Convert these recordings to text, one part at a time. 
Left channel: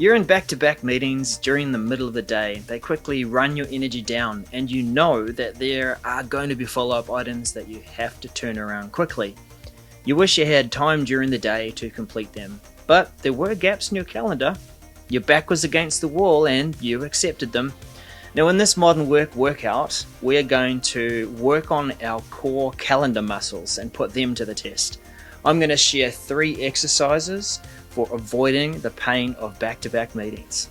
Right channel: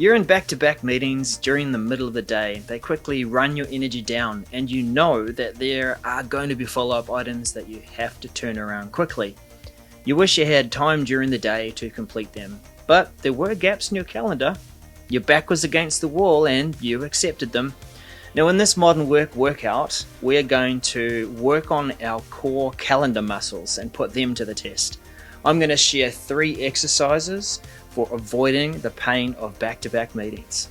You're in back-to-back meetings during the middle of the day. They quickly run your energy down, and you know that there are going to be follow-up items that you have to turn around quickly. You wish you had time during the day to complete them, but there were gaps in your calendar. Your back was against the wall and you accepted them. Now in this modern workout, we're going to work on our core calendar muscles and put them to the test. I'm going to share 3 exercises for avoiding the pain of back-to-back meetings.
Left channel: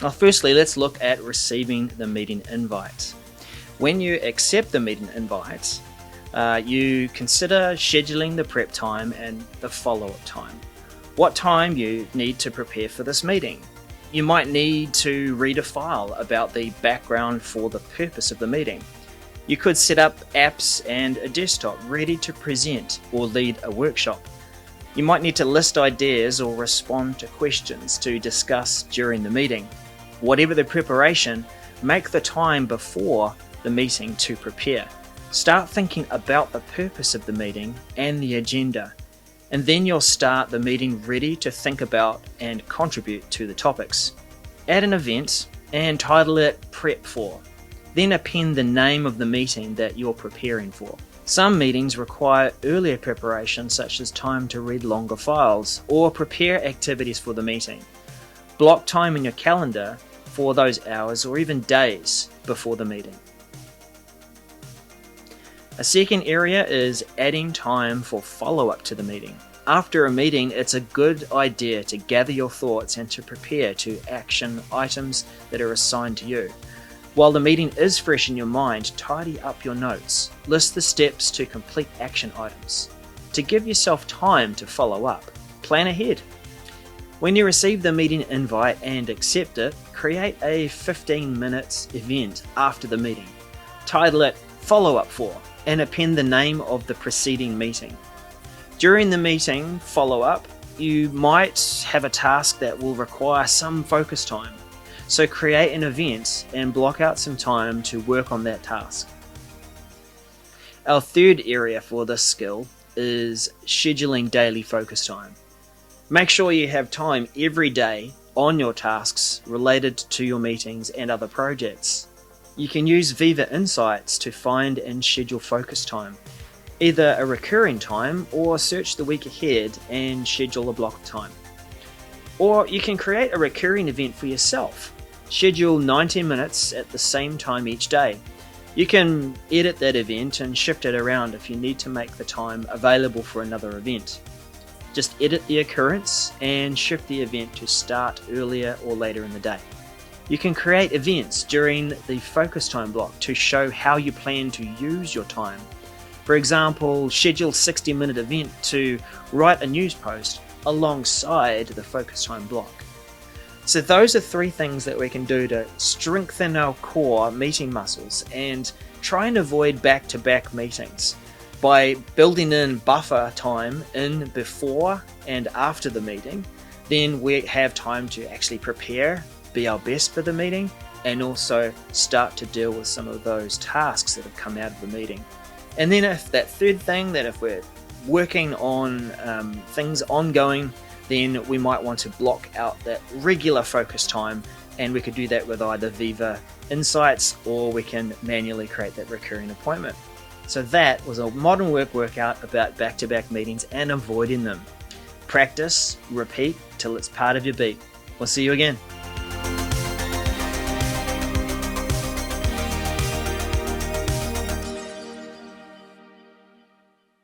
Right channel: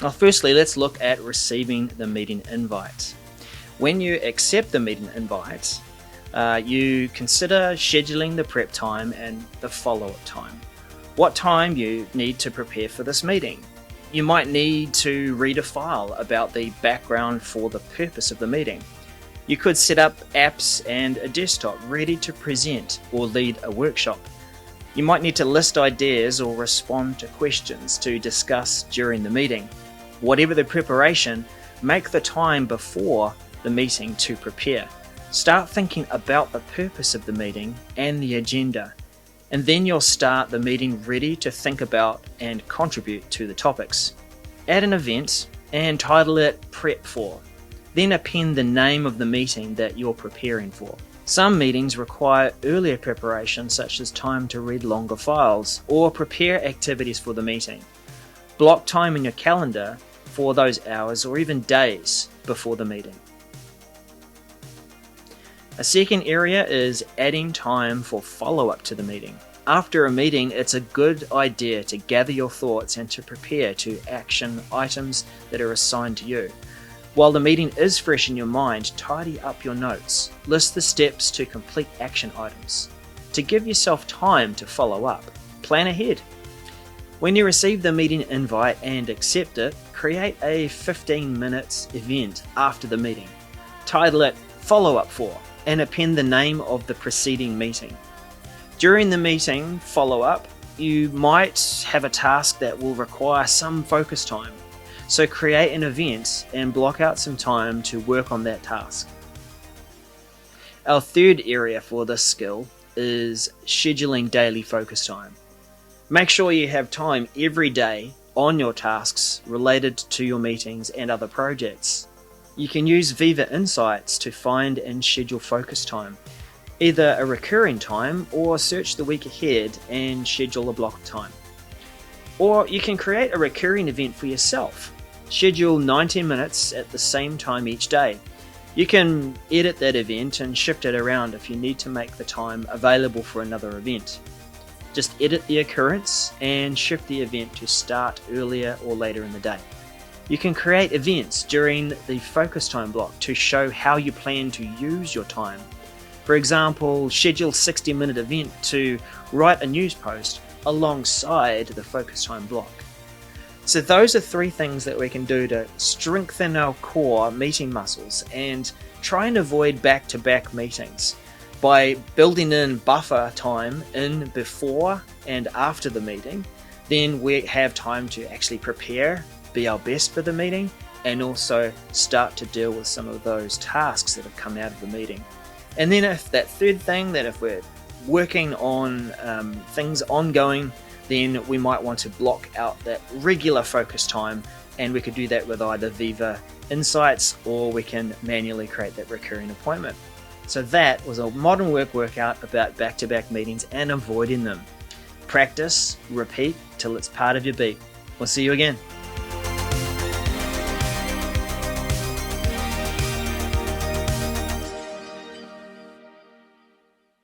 Now, firstly, let's look at receiving the meeting invite. When you accept the meeting invite, you consider scheduling the prep time and the follow-up time. What time you need to prepare for this meeting. You might need to read a file about the background for the purpose of the meeting. You could set up apps and a desktop ready to present or lead a workshop. You might need to list ideas or respond to questions to discuss during the meeting. Whatever the preparation, make the time before the meeting to prepare. Start thinking about the purpose of the meeting and the agenda, and then you'll start the meeting ready to think about and contribute to the topics. Add an event and title it Prep For. Then append the name of the meeting that you're preparing for. Some meetings require earlier preparation, such as time to read longer files or prepare activities for the meeting. Block time in your calendar for those hours or even days before the meeting. A second area is adding time for follow-up to the meeting. After a meeting, it's a good idea to gather your thoughts and to prepare to action items that are assigned to you. While the meeting is fresh in your mind, tidy up your notes. List the steps to complete action items. To give yourself time to follow up, plan ahead. When you receive the meeting invite and accept it, create a 15-minute event after the meeting. Title it Follow Up For and append the name of the preceding meeting. During the meeting follow-up, you might have a task that will require some focus time. So create an event and block out some time to work on that task. Our third area for this skill is scheduling daily focus time. Make sure you have time every day on your tasks related to your meetings and other projects. You can use Viva Insights to find and schedule focus time, either a recurring time or search the week ahead and schedule a block of time. Or you can create a recurring event for yourself. Schedule 90 minutes at the same time each day. You can edit that event and shift it around if you need to make the time available for another event. Just edit the occurrence and shift the event to start earlier or later in the day. You can create events during the focus time block to show how you plan to use your time. For example, schedule a 60-minute event to write a news post alongside the focus time block. So those are 3 things that we can do to strengthen our core meeting muscles and try and avoid back-to-back meetings. By building in buffer time in before and after the meeting, then we have time to actually prepare, be our best for the meeting, and also start to deal with some of those tasks that have come out of the meeting. And then if that third thing, that if we're working on things ongoing, then we might want to block out that regular focus time, and we could do that with either Viva Insights or we can manually create that recurring appointment. So that was a modern workout about back-to-back meetings and avoiding them. Practice, repeat till it's part of your beat. We'll see you again.